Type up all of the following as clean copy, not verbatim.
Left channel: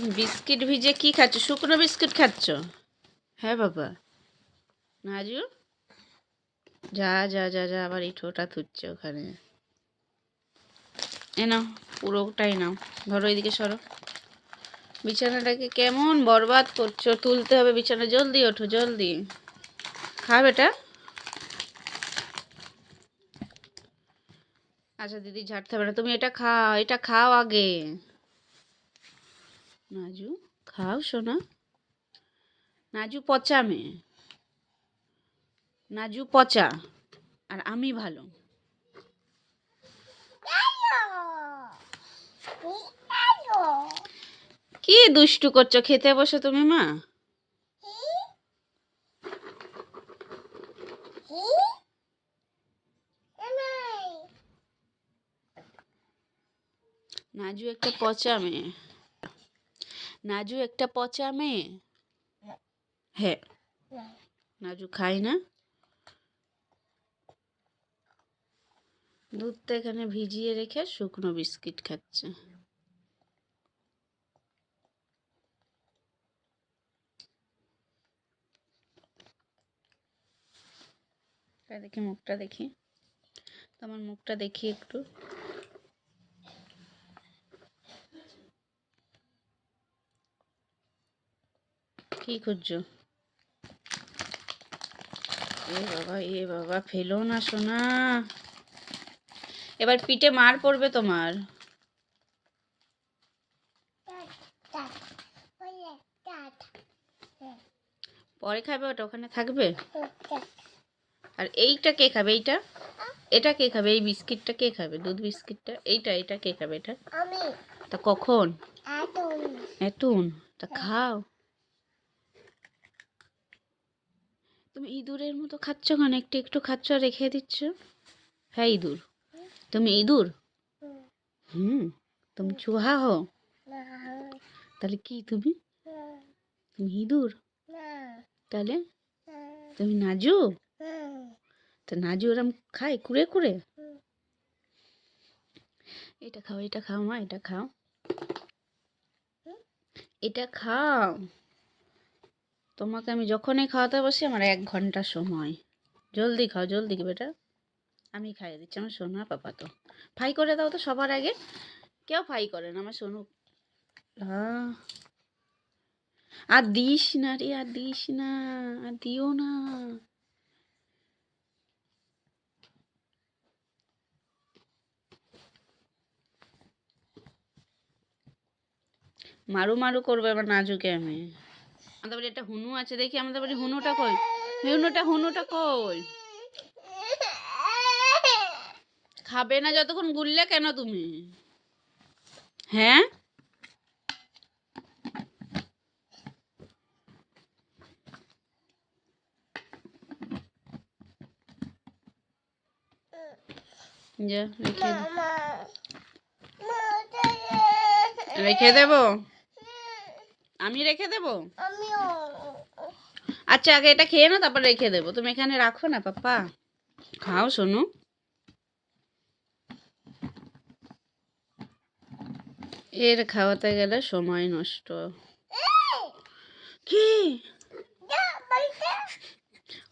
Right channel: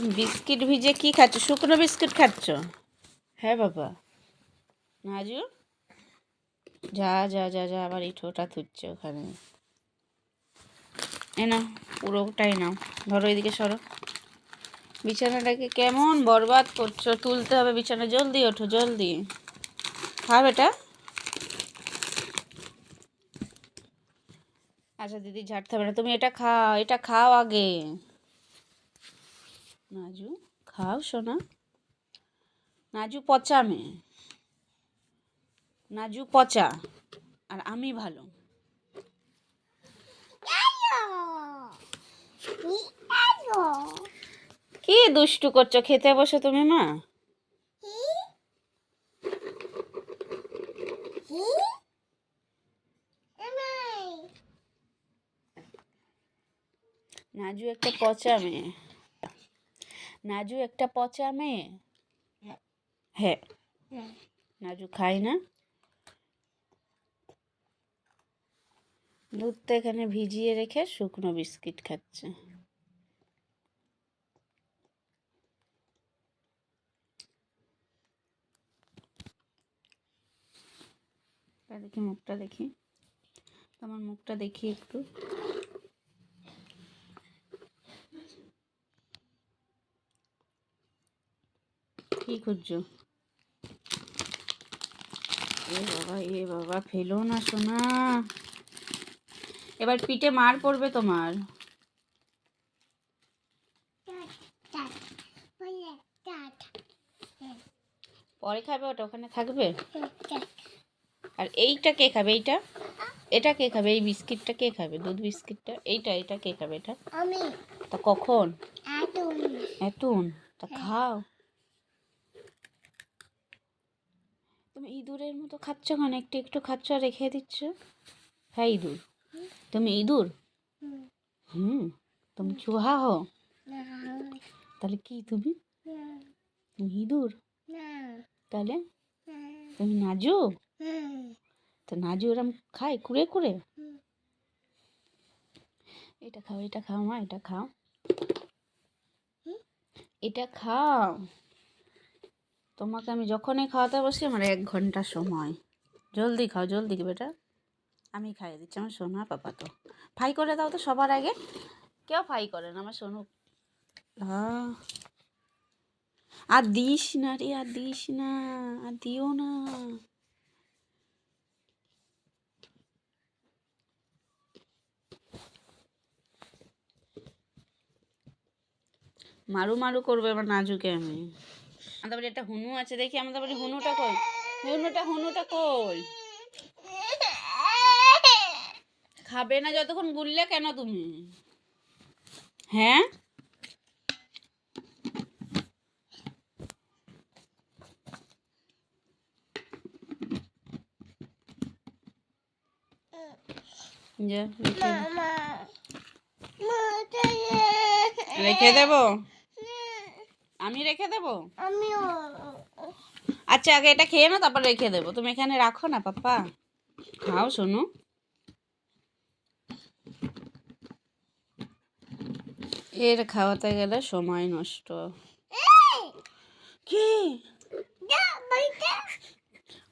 তুমি বিস্কিট ভিজে কি খাচ্ছ? শুকনো বিস্কিট খাচ্ছ? হ্যাঁ বাবা। নাজু, যা যা যা যা, আবার এই ঠোঁটা থুচ্ছে ওখানে। এ নাও, পুরোটাই নাও। ধরো, এদিকে সরো। বিছানাটাকে কেমন বরবাদ করছো। তুলতে হবে বিছানা, জলদি ওঠো, জলদি। খাও বেটা। আচ্ছা দিদি ঝাড়তে হবে না, তুমি এটা খাও, এটা খাও আগে। নাজু, খাও সোনা। নাজু পচা মেয়ে, নাজু পচা, আর আমি ভালো। কি দুষ্টু করছো? খেতে বসে তুমি মা। নাজু একটা পচা মেয়ে, নাজু একটা পচা মেয়ে। হ্যাঁ, নাজু খাই না। দুধটা এখানে ভিজিয়ে রেখে শুকনো বিস্কিট খাচ্ছে। দেখি মুখটা, দেখি তোমার মুখটা, দেখি একটু। কি খুঁজছো? এ বাবা, ফেলো না সোনা। এবার পিঠে মার পড়বে তোমার। পরে খাবে ওটা, ওখানে থাকবে। আর এইটা কে খাবে? এইটা, এটা কে খাবে? এই বিস্কিটটা কে খাবে? দুধ বিস্কিটটা, এইটা এটা কে খাবে? এটা আমি। তা কখন? এতুন। তা খাও। তুমি ইঁদুরের মতো খাচ্ছ কেন? একটু একটু খাচ্ছ আর রেখে দিচ্ছ। হ্যাঁ ইঁদুর, তুমি ইঁদুর। হুম, তুমি চুহা হো। তাহলে কি তুমি? তুমি ইঁদুর? তাহলে তুমি নাজু? তা নাজু ওরম খায় কুড়ে কুড়ে? এটা খাও, এটা খাও মা, এটা খাও, এটা খাও। তোমাকে আমি যখনই খাওয়াতে বসি আমার 1 ঘন্টা সময়। জলদি খাও, জলদি বেটা। আমি খাইয়ে দিচ্ছি, আমার সোনা পাপা। তো ফাই করে দাও তো সবার আগে। কেউ ফাই করে না, আমার সোনু। হ্যাঁ, আর দিস না রে, আর দিস না, আর দিও না। মারু মারু করবে আমার নাজুকে আমি। আমাদের বাড়ি একটা হুনু আছে, দেখি আমাদের বাড়ি হুনুটা কই? হুনুটা, হুনুটা কই? খাবে না যতক্ষণ গুললে কেন তুমি? হ্যাঁ, যা রেখে দেবো, আমি রেখে দেবো। আচ্ছা আগে এটা খেয়ে না, তারপর রেখে দেবো। তুমি এখানে রাখো না পাপা, খাও সোনু। এর খাওয়াতে গেলে সময় নষ্ট। কি?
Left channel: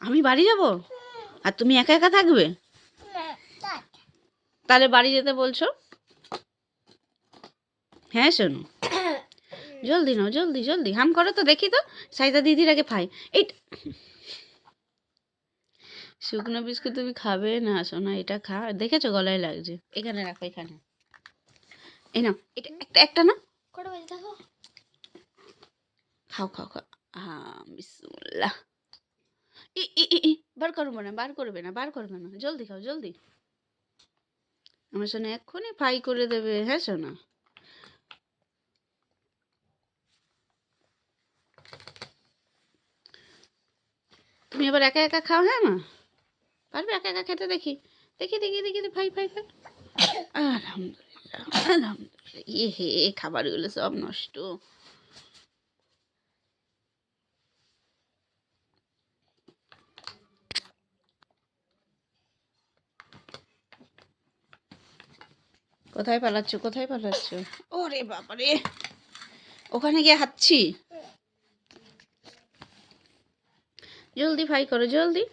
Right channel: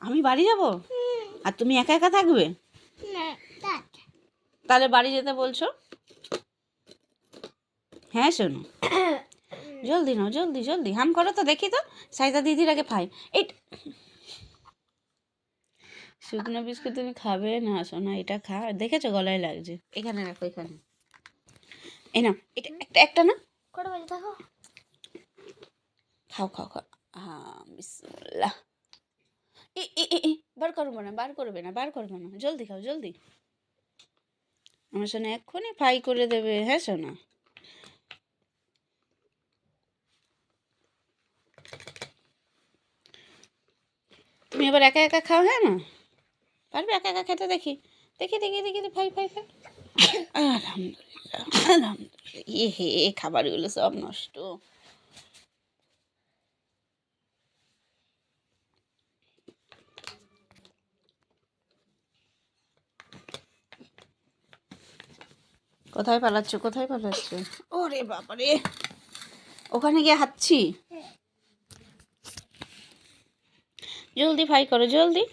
আমি বাড়ি যাব? আর তুমি একা একা থাকবে? তাহলে বাড়ি যেতে বলছো? হ্যাঁ শোনো, জলদি নাও, জলদি জলদি, হাম করো তো দেখি তো। সাইদা দিদির আগে খাই। এই শুকনো বিস্কুট তুমি খাবে না সোনা, এটা খা। দেখেছো গলায় লাগছে। এখানে রাখো, এখানে। এই নাও, এটা একটা, একটা না। কটা বাজে দেখো। খাও খাও খাও। হ্যাঁ, বিসমিল্লাহ। ই ই ই ই, বার করবে না, বার করবে না, বার করবে না, জলদি খাও, জলদি। আমার সোনা এক্ষুনি ফ্রাই করে দেবে। হ্যাঁ সোনা, তুমি এবার একা একা খাও। হ্যাঁ মা, পারবে একা একা খেতে? দেখি দেখি দেখি দেখি, ফাই ফাই ফাই। আলহামদুলিল্লাহ, আলহামদুলিল্লাহ। এ হে, খাবারগুলো সব নষ্ট। কোথায় পালাচ্ছ, কোথায় পালাচ্ছ? ওরে বাবারে, ওখানে গিয়ে হাঁটছি। জলদি হাই করো, জলদি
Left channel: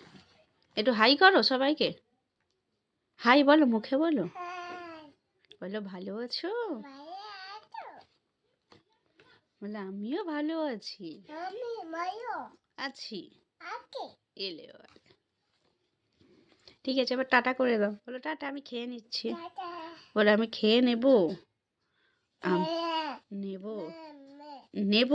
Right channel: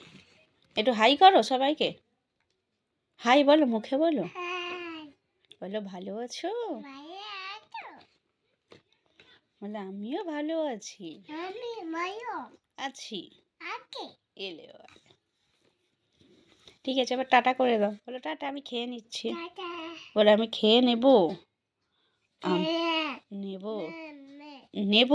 একটু হাই করো সবাইকে। হাই বলো, মুখে বলো। বলো ভালো আছো, বলে আমিও ভালো আছি। আছি এলে ঠিক আছে, এবার টাটা করে দাও। বলো টাটা, আমি খেয়ে নিচ্ছি। বলে আমি খেয়ে নেব। নেব নেব।